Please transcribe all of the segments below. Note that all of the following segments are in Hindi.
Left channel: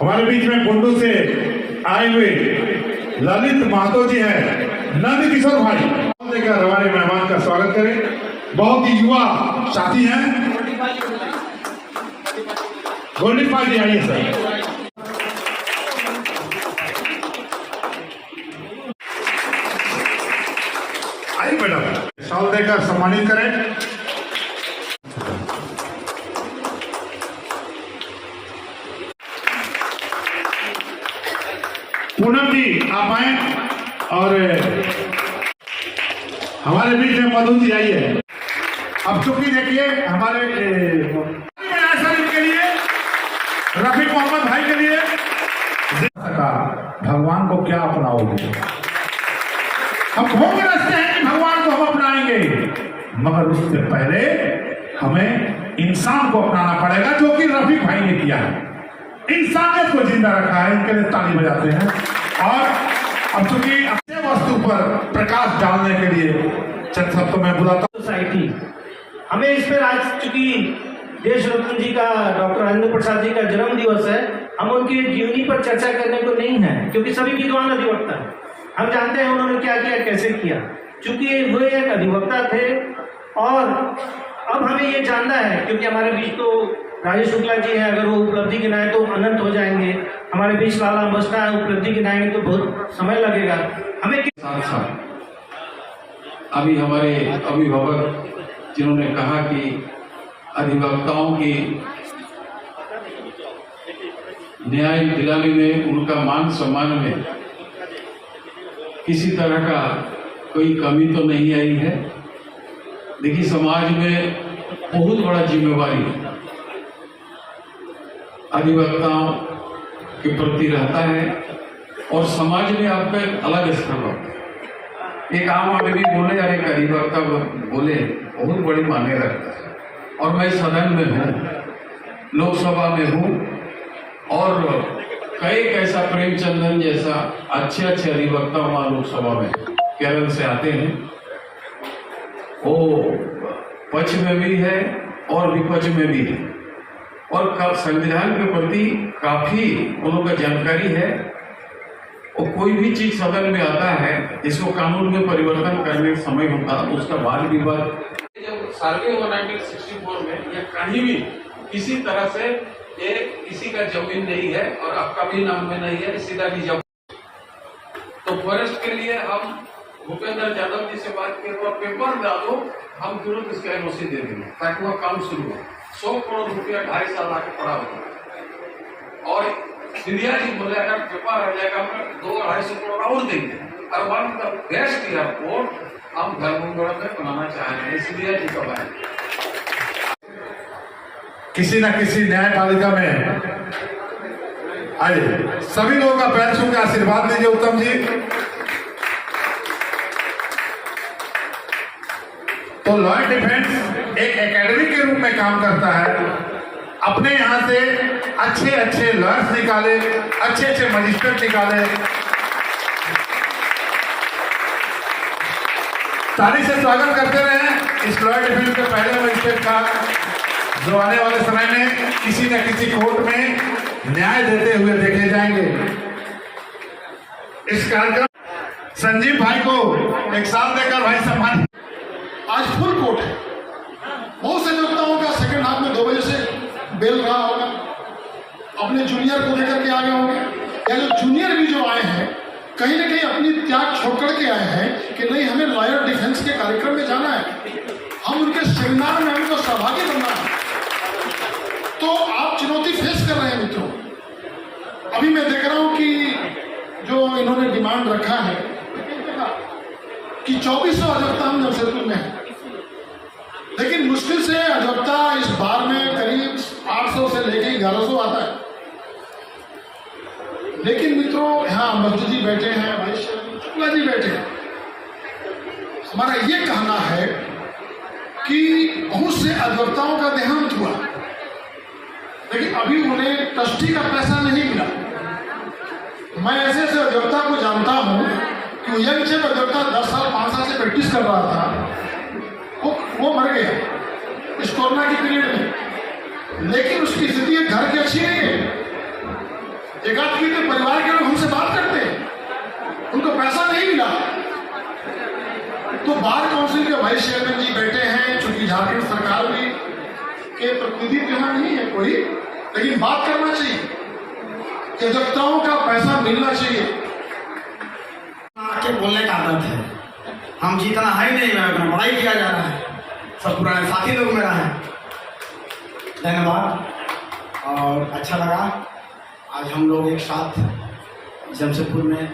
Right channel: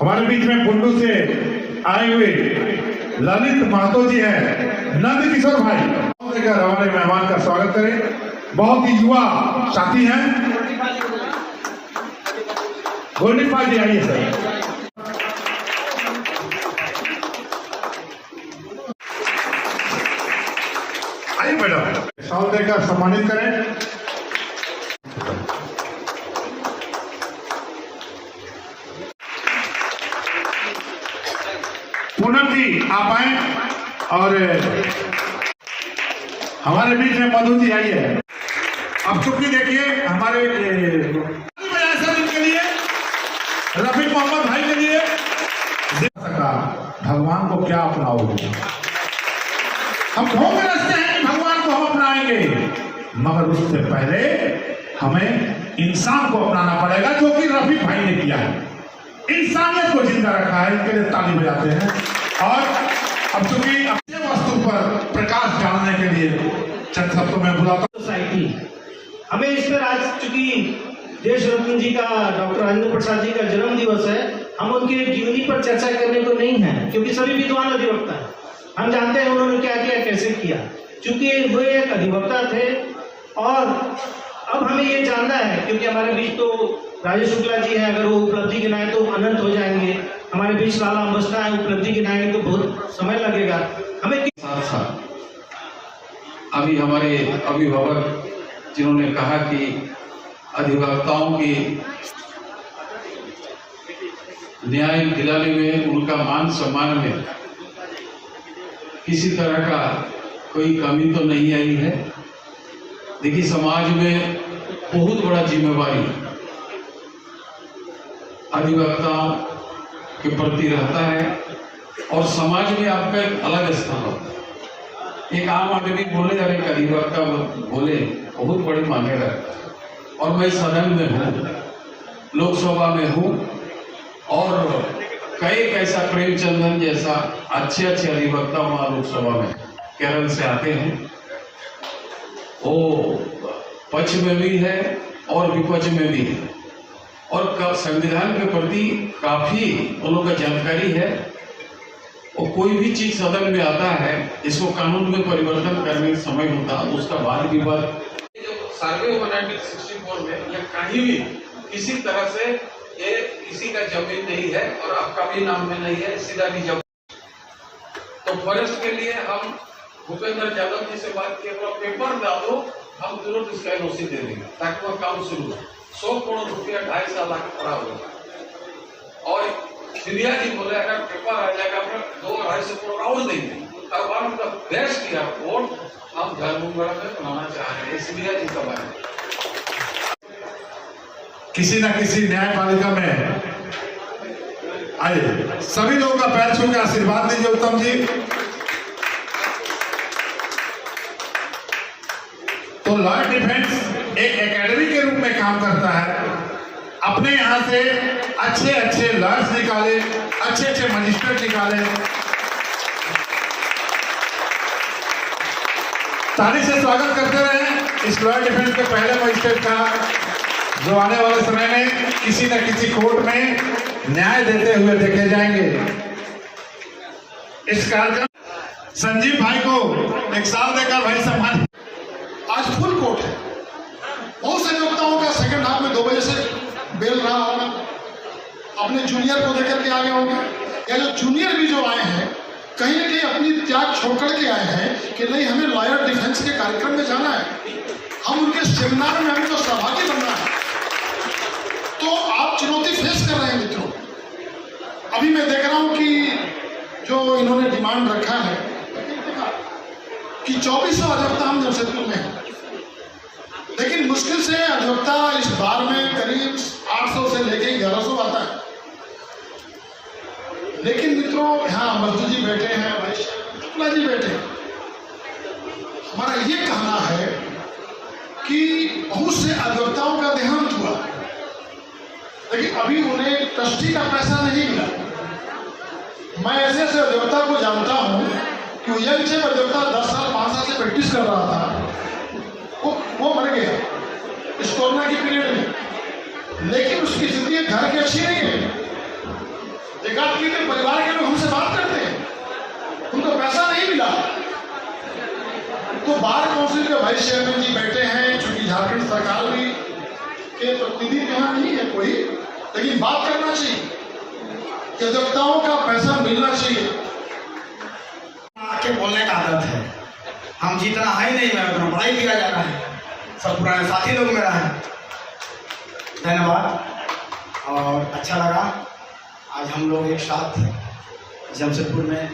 हमारे बीच में बुंडू से आए हुए ललित महतो जी हैं, नंद किशोर भाई देकर हमारे मेहमान का स्वागत करें। बहुत ही युवा साथी हैं, गोल्डन पार्टी आइए सर। आइए मैडम, साल देकर सम्मानित करें। पूनम जी आप आए और हमारे बीच में मधु जी आई है। अब चुप्पी देखिए हमारे के लिए, रफीक मोहम्मद भाई के लिए भगवान को क्या अपनाओगे? हम घूम रखते हैं कि भगवान को हम अपनाएंगे, मगर उससे पहले हमें इंसान को अपनाना पड़ेगा, जो कि रफीक भाई ने किया है। इंसानियत को जिंदा रखा है, इनके लिए ताली बजाते हैं। और अब चूंकि अपने वस्तु पर प्रकाश डालने के लिए चंद शब्दों में बुलाता हूं सोसाइटी हमें इस पर आज चूंकि देश रत्न जी का, डॉक्टर राजेंद्र प्रसाद जी का जन्म दिवस है, हम उनकी जीवनी पर चर्चा करने को नहीं है, क्योंकि सभी विद्वान अधिवक्ता हैं, हम जानते हैं उन्होंने क्या किया, कैसे किया। चूंकि वे एक अधिवक्ता थे और अब हमें ये जानना है, क्योंकि हमारे बीच तो राजेश शुक्ला जी है, अगर वो उपलब्धि गिनाए तो अनंत हो जाएंगे, हमारे बीच लाला बसना है, उपलब्धि गिनाएंगे तो बहुत समय लगेगा। हमें साथ साथ अभी हमारे अभिभावक जिन्होंने कहा कि अधिवक्ताओं की न्याय दिलाने में, उनका मान सम्मान में किसी तरह का कोई कमी तो नहीं आई है। देखिए, समाज में बहुत बड़ा जिम्मेवारी अधिवक्ताओं के प्रति रहता है और समाज में आपका एक अलग स्थान होता है। एक आम आदमी बोले और एक अधिवक्ता बोले बहुत बड़ी मांगे रखता है। और मैं सदन में हूँ, लोकसभा में हूँ, और कई कैसा प्रेमचंदन जैसा अच्छे अधिवक्ता वहाँ लोकसभा में केरल से आते हैं, वो पक्ष में भी है और विपक्ष में भी है, और संविधान के प्रति काफी उन का जानकारी है। और कोई भी चीज सदन में आता है, इसको कानून में परिवर्तन करने का समय होता है, उसका वाद विवाद जब सर्वे हुआ 1964 में, या कहीं भी किसी तरह से ये किसी का जमीन नहीं है और आपका भी नाम में नहीं है, सीधा भी जब तो फॉरेस्ट के लिए हम भूपेंद्र यादव जी से बात किए, पेपर डालो, हम तुरंत इसका एनओसी दे देंगे ताकि वह काम शुरू हो। 100 करोड़ रुपया 2.5 साल आके पड़ा होगा। और सीरिया जी बोले अगर पेपर आ जाएगा, हम 2-2.5 करोड़ और देंगे। और one of the best airport हम धर्मगढ़ में बनाना चाह रहे हैं, सीरिया जी का है। किसी न किसी न्यायपालिका में आए, सभी लोगों का पैर छू के आशीर्वाद दीजिए उत्तम जी। तो लॉ डिफेंस एक एकेडमी के रूप में काम करता है। अपने यहाँ से अच्छे लॉयर्स निकाले, अच्छे मजिस्ट्रेट निकाले। ताली से स्वागत करते रहे इस लॉ डिफेंस के पहले मजिस्ट्रेट का, जो आने वाले समय में किसी न किसी कोर्ट में न्याय देते हुए देखे जाएंगे। इस कार्यक्रम संजीव भाई को एक साल देकर भाई सम्मान। आज फुल कोर्ट है, बहुत से अधिवक्ताओं का सेकंड हाफ में 2 बजे से बेल रहा होगा, अपने जूनियर को लेकर के आ गए होंगे, या जो जूनियर भी जो आए हैं कहीं न कहीं अपनी त्याग छोड़ के आए हैं कि नहीं, हमें लॉयर डिफेंस के कार्यक्रम में जाना है, हम उनके सेमिनार में हमको सहभागी बनना है। तो आप चुनौती फेस कर रहे हैं मित्रों। अभी मैं देख रहा हूँ कि जो इन्होंने डिमांड रखा है कि 2400 अधिवक्ता हम जमशेदपुर में है, लेकिन मुश्किल से अधिवक्ता इस बार में करीब 800 से लेके 1100 आता है। लेकिन मित्रों, यहाँ मधु जी बैठे हैं, शुक्ला जी बैठे हैं, हमारा ये कहना है कि बहुत से अधिवक्ताओं का देहांत हुआ, लेकिन अभी उन्हें ट्रस्टी का पैसा नहीं मिला। मैं ऐसे अधिवक्ता को जानता हूँ कि यह विषय पर अधिवक्ता 10 साल 5 साल से प्रैक्टिस कर रहा था, वो मर गए इस कोरोना की पीरियड में, लेकिन उसकी स्थिति घर की अच्छी नहीं है। एकाध के परिवार के लोग हमसे बात करते हैं, उनको पैसा नहीं मिला। तो बार काउंसिल के वाइस चेयरमैन जी बैठे हैं, चूंकि झारखंड सरकार भी के प्रतिनिधि यहाँ नहीं है कोई, लेकिन बात करना चाहिए कि अधिवक्ताओं का पैसा मिलना चाहिए। आके बोलने का आदत है, हम जितना है नहीं मेरा उतना बड़ाई किया जा रहा है, सब पुराने साथी लोग मेरा है। धन्यवाद और अच्छा लगा आज हम लोग एक साथ जमशेदपुर में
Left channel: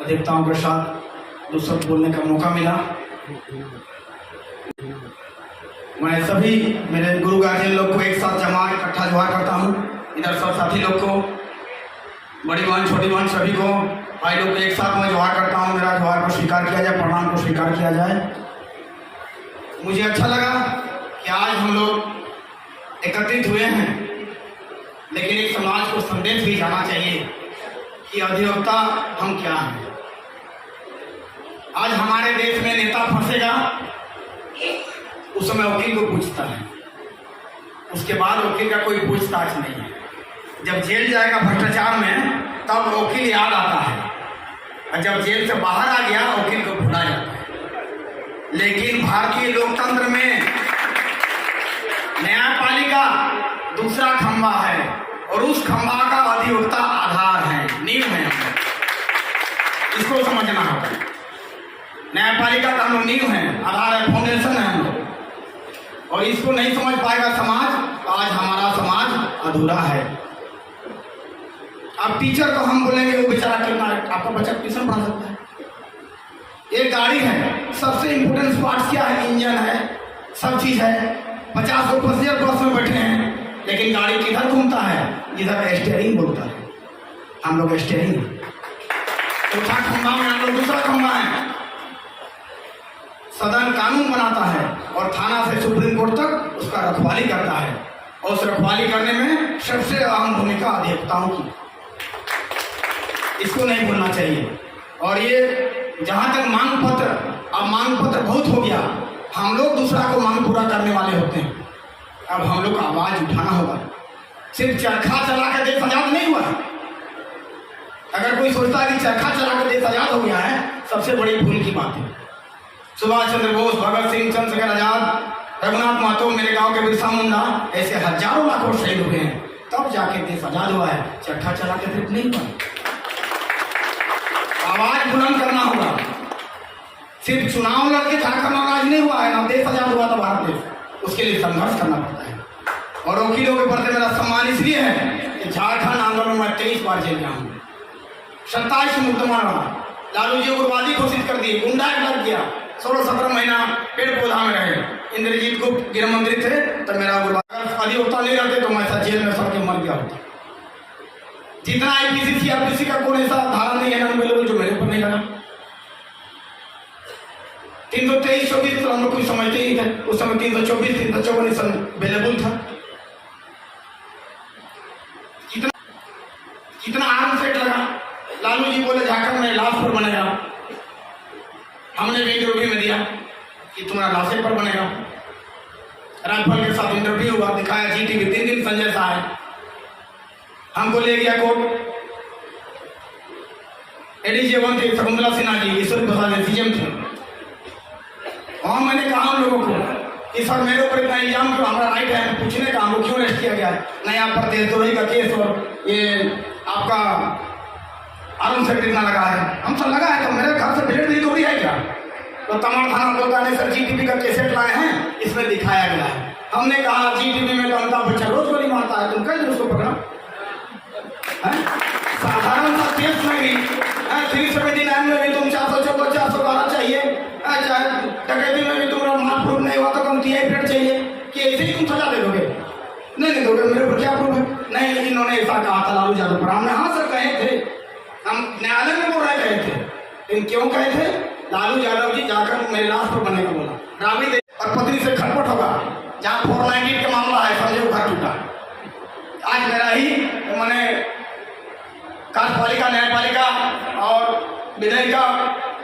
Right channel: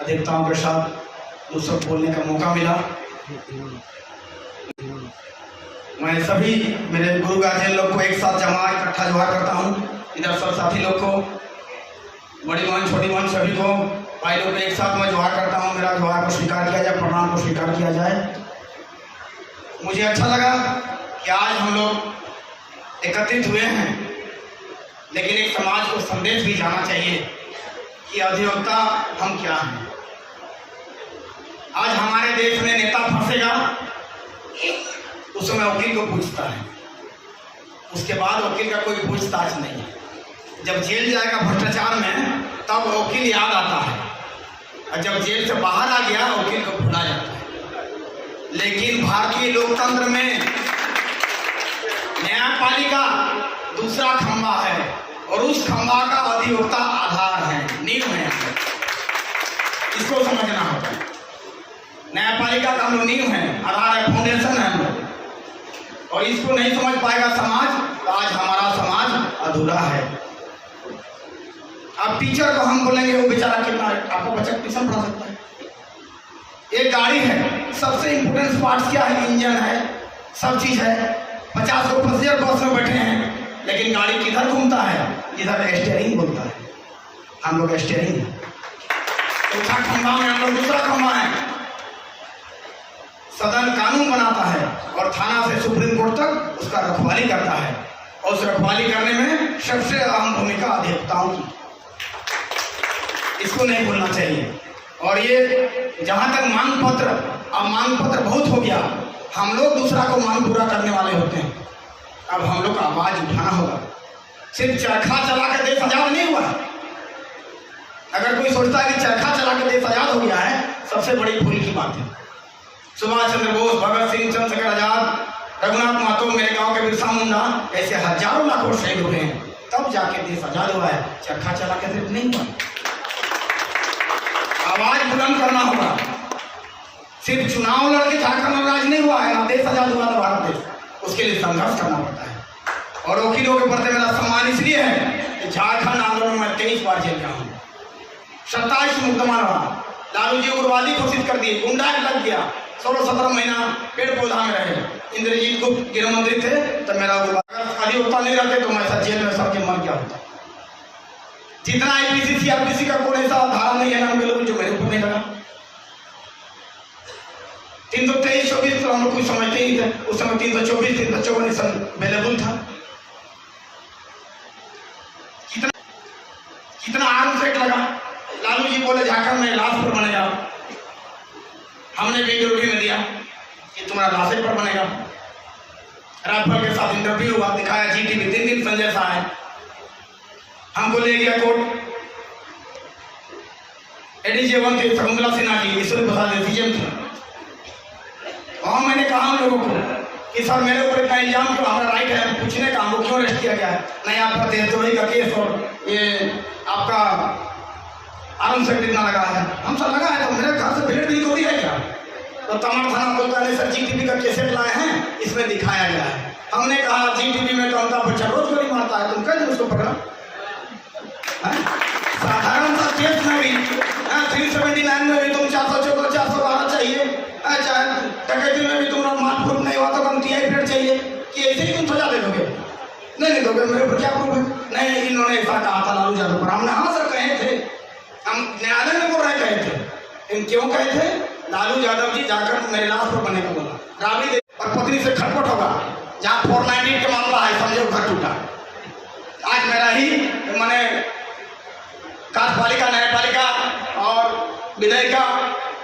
अधिवक्ताओं के साथ दो शब्द बोलने का मौका मिला। मैं सभी मेरे गुरु गार्जियन लोग को एक साथ जमा इकट्ठा जोहार करता हूँ। इधर सब साथी लोग को, बड़ी बहन छोटी बहन सभी को, भाई लोग को एक साथ मैं जोहार करता हूँ। मेरा जोहार को स्वीकार किया जाए, प्रणाम को स्वीकार किया जाए। मुझे अच्छा लगा कि आज हम लोग एकत्रित हुए हैं, लेकिन एक समाज को संदेश भी जाना चाहिए कि अधिवक्ता हम क्या हैं। आज हमारे देश में नेता फंसेगा, उस समय वकील को पूछता है, उसके बाद वकील का कोई पूछताछ नहीं है। जब जेल जाएगा भ्रष्टाचार में तब वकील याद आता है, और जब जेल से बाहर आ गया वकील को भुला जाता है। लेकिन भारतीय लोकतंत्र में न्यायपालिका दूसरा खंभा है और उस खंभा का अधिवक्ता आधार है, नींव है। इसको समझना होगा। न्यायपालिका का हम लोग नींव है, आधार है, फाउंडेशन है हम लोग, और इसको नहीं समझ पाएगा समाज तो आज हमारा समाज अधूरा है। अब टीचर को हम बोलेंगे वो बेचारा कितना, आपका बच्चा ट्यूशन पढ़ा सकता है। एक गाड़ी है, सबसे इंपोर्टेंट पार्ट क्या है? इंजन है, सब चीज है। 50 लोग पैसेंजर बस में बैठे हैं, लेकिन गाड़ी किधर घूमता है? जिधर स्टीयरिंग बोलता है। हम लोग स्टीयरिंग, चौथा खंभा में हम लोग दूसरा खंभा है। सदन कानून बनाता है और थाना से सुप्रीम कोर्ट तक उसका रखवाली करता है, और उस रखवाली करने में सबसे अहम भूमिका अधिवक्ताओं की। इसको नहीं भूलना चाहिए। और ये जहां तक मांग पत्र, अब मांग पत्र बहुत हो गया, हम लोग दूसरा को मांग पूरा करने वाले होते हैं। अब हम लोग का आवाज उठाना होगा। सिर्फ चरखा चला कर देश आजाद नहीं हुआ है। अगर कोई सोचता है कि चरखा चला कर देश आजाद हो गया है, सबसे बड़ी भूल की बात है। सुभाष चंद्र बोस, भगत सिंह, चंद्रशेखर आजाद, रघुनाथ महतो, मेरे गांव के बिरसा मुंडा, ऐसे हजारों लाखों शहीद हुए हैं, तब जाके देश आजाद हुआ है। चरखा चला के सिर्फ नहीं हुआ। आवाज बुलंद करना होगा। सिर्फ चुनाव लड़के झारखंड और राज नहीं हुआ है, ना देश आजाद हुआ था भारत देश, उसके लिए संघर्ष करना पड़ता है। और वकीलों के प्रति मेरा सम्मान इसलिए है कि झारखंड आंदोलन में 23 बार जेल गया हूँ, 27 मुकदमा रहा। लालू जी उग्रवादी घोषित कर दिए, गुंडा लग गया, 16-17 महीना पेड़ पौधा में रहे। इंद्रजीत गुप्त गृह मंत्री थे तब मेरा उग्रवादी होता नहीं रहते तो मैं जेल में सड़ के मर गया होता। जितना आईपीसी सीआरपीसी का कोई ऐसा धारा नहीं है ना जो मेरे ऊपर नहीं लगा। 323-24 तो हम लोग कुछ समझते ही थे, उस समय 324 354 अवेलेबल था। कितना आर्म सेट लगा। लालू जी बोले झारखंड में लाश पर बनेगा, हमने भी इंटरव्यू में दिया कि तुम्हारा लाशे पर बनेगा। राजपाल के साथ इंटरव्यू हुआ, दिखाया जीटीवी, 3 दिन संजय शाह है, हमको ले गया कोर्ट। एडीजी 1 थे शकुंतला सिन्हा जी, ईश्वरी प्रसाद सीएम थे। वहां मैंने कहा हम लोगों को कि सर मेरे ऊपर इतना इल्जाम क्यों, हमारा राइट है पूछने का, हमको क्यों अरेस्ट किया गया है? नहीं आप पर देशद्रोही का केस और ये आपका आर्म सेट कितना लगा है। हम सब लगा है तो मेरे घर से भेड़ दी तो दिया क्या? तो तमाम थाना बोलता है सर जीटीवी का कैसेट लाए हैं, इसमें दिखाया गया है। हमने कहा जीटीवी में तो अमिताभ बच्चन रोज गोली मारता है, तुम कह दो उसको पकड़ा। साधारण सा केस में भी 379 में भी तुम 414 412 चाहिए, डकैती में भी तुम्हारा माल प्रूफ नहीं हुआ तो तुम टीआई प्लेट चाहिए, कि ऐसे ही तुम सजा दे दोगे? नहीं दोगे, मेरे ऊपर क्या प्रूफ है? नहीं इन्होंने ऐसा कहा था लालू यादव पर। हमने हाँ सर कहे थे, हम न्यायालय में बोल रहे कहे थे, लेकिन क्यों कहे थे? लालू यादव जी जाकर मेरे लाश पर बनेगा बोला, राबड़ी दे और पत्नी से खटपट होगा। जहाँ 498 का मामला है समझो घर टूटा। आज मेरा ही मैंने कार्यपालिका, न्यायपालिका और विधायिका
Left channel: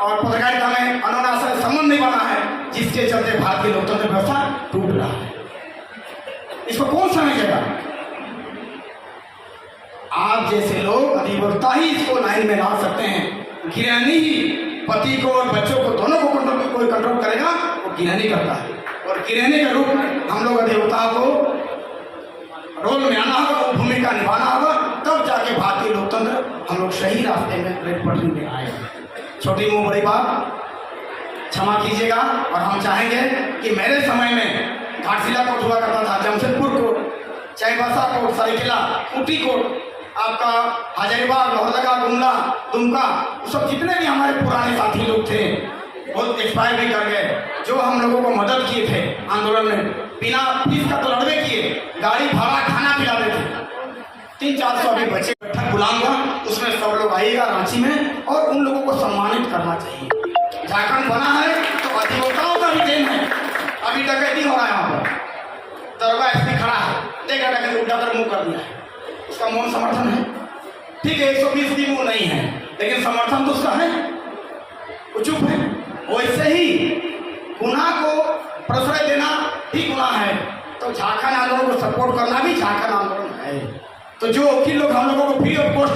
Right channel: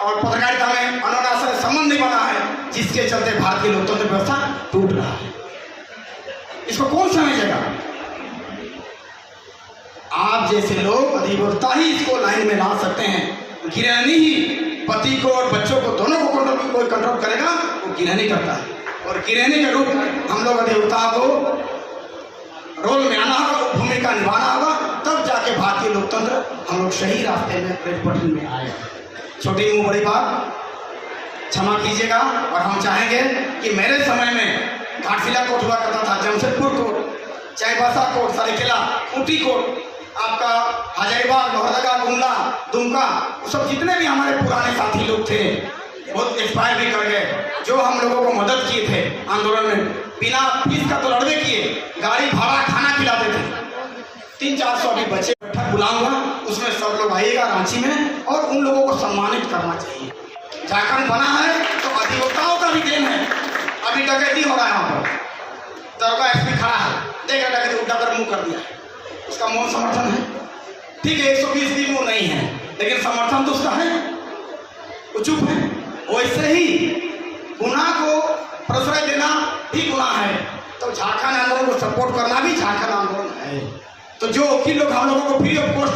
और पत्रकारिता में अनुशासन संबंध नहीं बना है, जिसके चलते भारतीय लोकतंत्र व्यवस्था टूट रहा है। इसको कौन समझेगा? आज आप जैसे लोग अधिवक्ता ही इसको लाइन में ला सकते हैं। गिरहनी ही पति को और बच्चों को दोनों को कोई कंट्रोल करेगा, वो गिरहनी करता है। और गिरहनी के रूप में हम लोग अधिवक्ता को रोल में आना होगा, वो भूमिका निभाना होगा, तब जाके भारतीय लोकतंत्र हम लोग सही रास्ते में रेल पटरी में आए। छोटी मुँह बड़ी बात, क्षमा कीजिएगा। और हम चाहेंगे कि मेरे समय में घाटशिला कोर्ट हुआ करता था, Jamshedpur court, Chaibasa court, Saraikela, Ooty court, आपका हजारीबाग, लोहरदगा, गुमला, दुमका, सब जितने भी हमारे पुराने साथी लोग थे बहुत एक्सपायर भी कर गए, जो हम लोगों को मदद किए थे आंदोलन में, बिना फीस का तो लड़वे किए, गाड़ी भाड़ा खाना खिलाते थे। 300-400 अभी बच्चे बैठक बुलाऊंगा, उसमें सब लोग आइएगा रांची में, और उन लोगों को सम्मानित करना चाहिए। झारखंड बना है तो अधिवक्ताओं का भी देन है। अभी डकैती हो रहा है वहाँ पर, दरोगा एसपी खड़ा है, देख रहा डकैती उल्टा कर मुँह कर दिया है, उसका मौन समर्थन है। ठीक है, 120 दिन वो नहीं है, लेकिन समर्थन तो उसका है, वो चुप है। वैसे ही गुनाह को प्रश्रय देना भी गुनाह है, तो झारखंड आंदोलन को सपोर्ट करना भी झारखंड आंदोलन है। तो जो वकील लोग हम लोगों को फ्री ऑफ कॉस्ट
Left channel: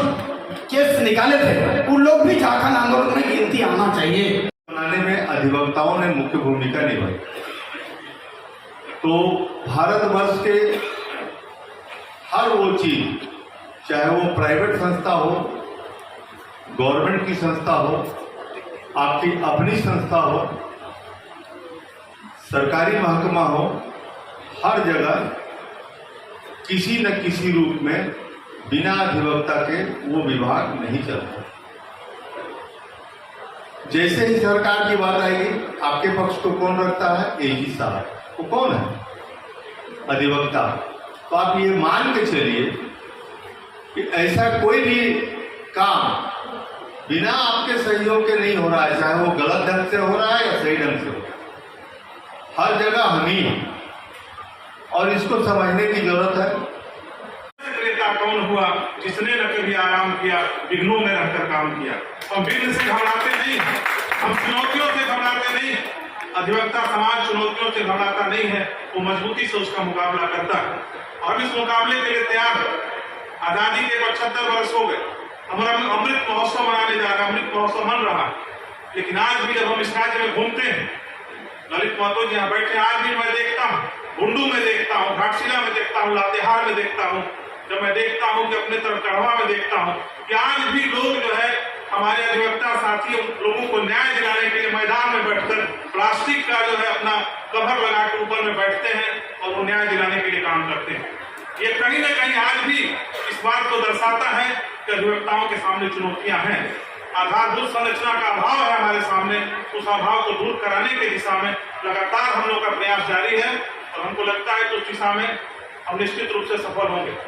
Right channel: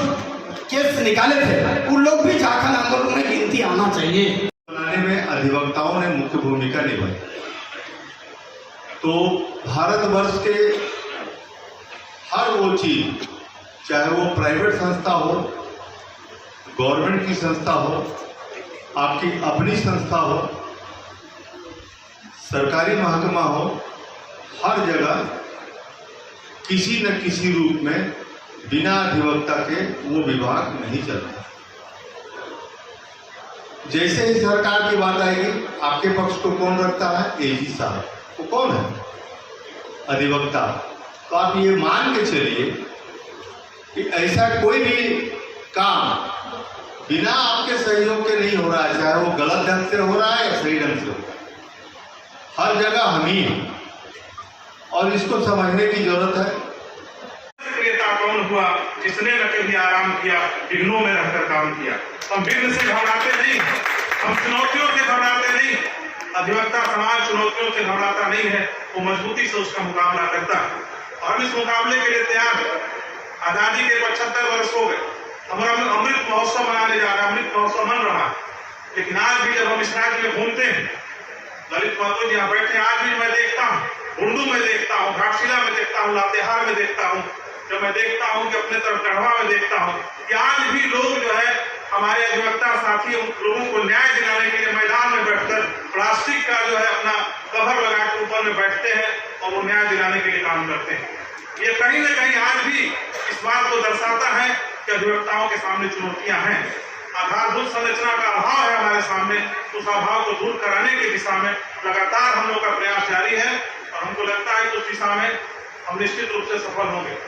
केस निकाले थे, उन लोग भी झारखंड आंदोलन में गिनती आना चाहिए। बनाने में अधिवक्ताओं ने मुख्य भूमिका निभाई। तो भारतवर्ष के हर वो चीज, चाहे वो प्राइवेट संस्था हो, गवर्नमेंट की संस्था हो, आपकी अपनी संस्था हो, सरकारी महकमा हो, हर जगह किसी न किसी रूप में बिना अधिवक्ता के वो विभाग नहीं चलता। जैसे ही सरकार की बात आएगी, आपके पक्ष को कौन रखता है? एजी साहब। वो कौन है? अधिवक्ता। तो आप ये मान के चलिए कि ऐसा कोई भी काम बिना आपके सहयोग के नहीं हो रहा है, चाहे वो गलत ढंग से हो रहा है या सही ढंग से हो रहा है, हर जगह हम ही हैं, और इसको समझने की जरूरत है। क्रेता कौन हुआ जिसने न कभी आराम किया, विघ्नों में रहकर काम किया। हम विघ्न से घबराते नहीं, हम चुनौतियों से घबराते नहीं। अधिवक्ता समाज चुनौतियों से घबराता नहीं है, वो मजबूती से उसका मुकाबला करता है। हम इस मुकाबले के लिए तैयार हैं। आजादी के 75 वर्ष हो गए, हमारा अमृत महोत्सव मनाने जा रहा है, अमृत महोत्सव मन रहा। लेकिन आज भी जब हम इस राज्य में घूमते हैं, ललित महतो जी यहाँ बैठे, आज भी मैं देखता हूँ, बुंडू में देखता हूँ, घाटशिला में देखता हूँ, लातेहार में देखता हूँ, जब मैं देखता हूँ कि अपने तरफ गढ़वा में देखता हूँ कि आज भी लोग जो है हमारे अधिवक्ता साथी लोगों को न्याय दिलाने के लिए मैदान में बैठकर प्लास्टिक का जो है अपना कवर लगा के ऊपर में बैठते हैं और वो न्याय दिलाने के लिए काम करते हैं। ये कहीं न कहीं आज भी इस बात को दर्शाता है कि अधिवक्ताओं के सामने चुनौतियां हैं। आधारभूत संरचना का अभाव है हमारे सामने, उस अभाव को दूर कराने की दिशा में लगातार हम लोग का प्रयास जारी है, और हमको लगता है कि उस दिशा में हम निश्चित रूप से सफल होंगे।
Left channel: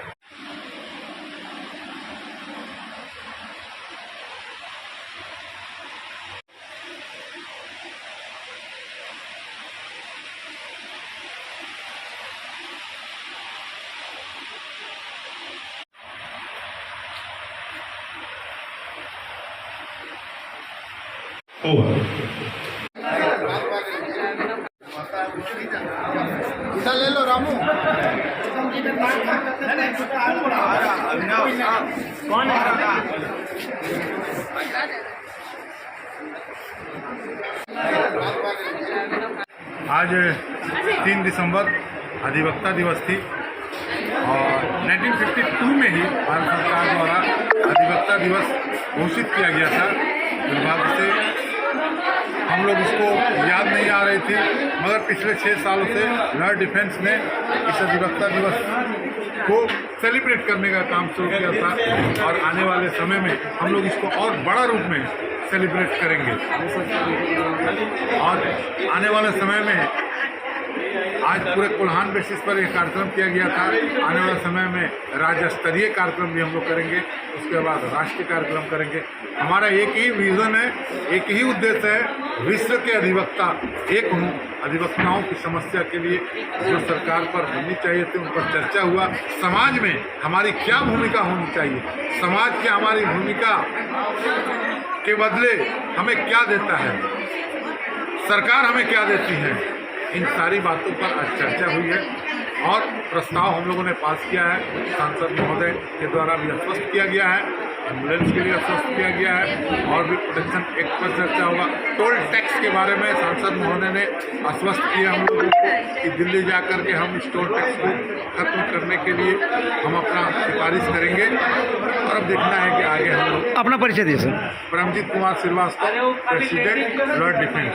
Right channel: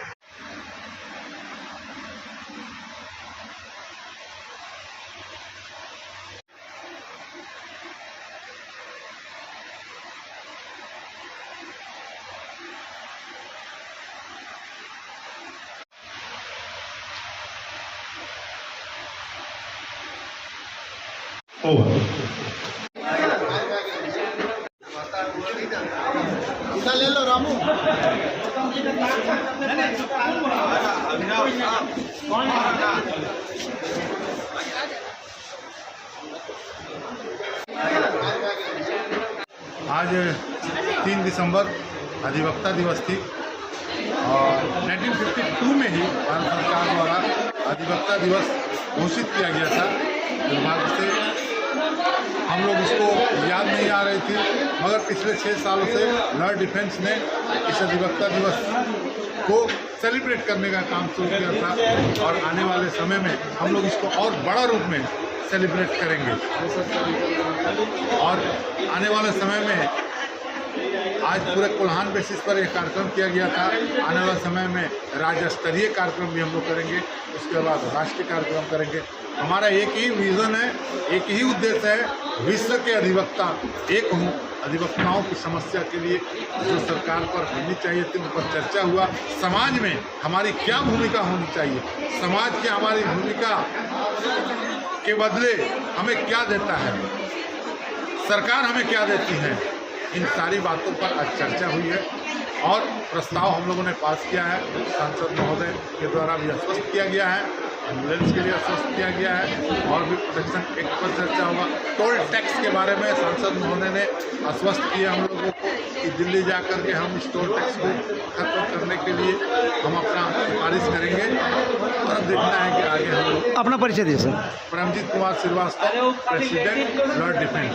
ले लो रामू। आज 3 दिसंबर अधिवक्ता दिवस थी, और 1952 में ही भारत सरकार द्वारा अधिवक्ता दिवस घोषित किया गया था। दुर्भाग्य से हम लोग इसको याद नहीं आ रही थी, मगर पिछले 6 सालों से लॉर्ड डिफेंस ने इस अधिवक्ता दिवस को सेलिब्रेट करने का काम शुरू किया था, और आने वाले समय में हम लोग इसको और बड़ा रूप में सेलिब्रेट करेंगे। और आने वाले समय में आज पूरे कोल्हान बेसिस पर एक कार्यक्रम किया गया था, आने वाले समय में राज्य स्तरीय कार्यक्रम भी हम लोग करेंगे, उसके बाद राष्ट्रीय कार्यक्रम करेंगे। हमारा एक ही विज़न है, एक ही उद्देश्य है, विश्व के अधिवक्ता एक हों। अधिवक्ताओं की समस्या के लिए जो सरकार पर होनी चाहिए थी उन पर चर्चा हुआ। समाज में हमारी क्या भूमिका होनी चाहिए, समाज की हमारी भूमिका के बदले हमें क्या देता है, सरकार हमें क्या देती है, इन सारी बातों पर आज चर्चा हुई है। और प्रस्ताव हम लोगों ने पास किया है, सांसद महोदय के द्वारा भी आश्वस्त किया गया है, एम्बुलेंस के लिए आश्वस्त किया गया है, और भी प्रोटेक्शन एक्ट पर चर्चा होगा। टोल टैक्स के बारे में सांसद महोदय ने आश्वस्त किया हम लोगों को कि दिल्ली जा कर के हम इस टोल टैक्स को खत्म करने के लिए हम अपना सिफारिश करेंगे, और अब देखना है कि आगे हम लोग। अपना परिचय दिए sir. Paramjit Kumar Srivastava, president lord defence.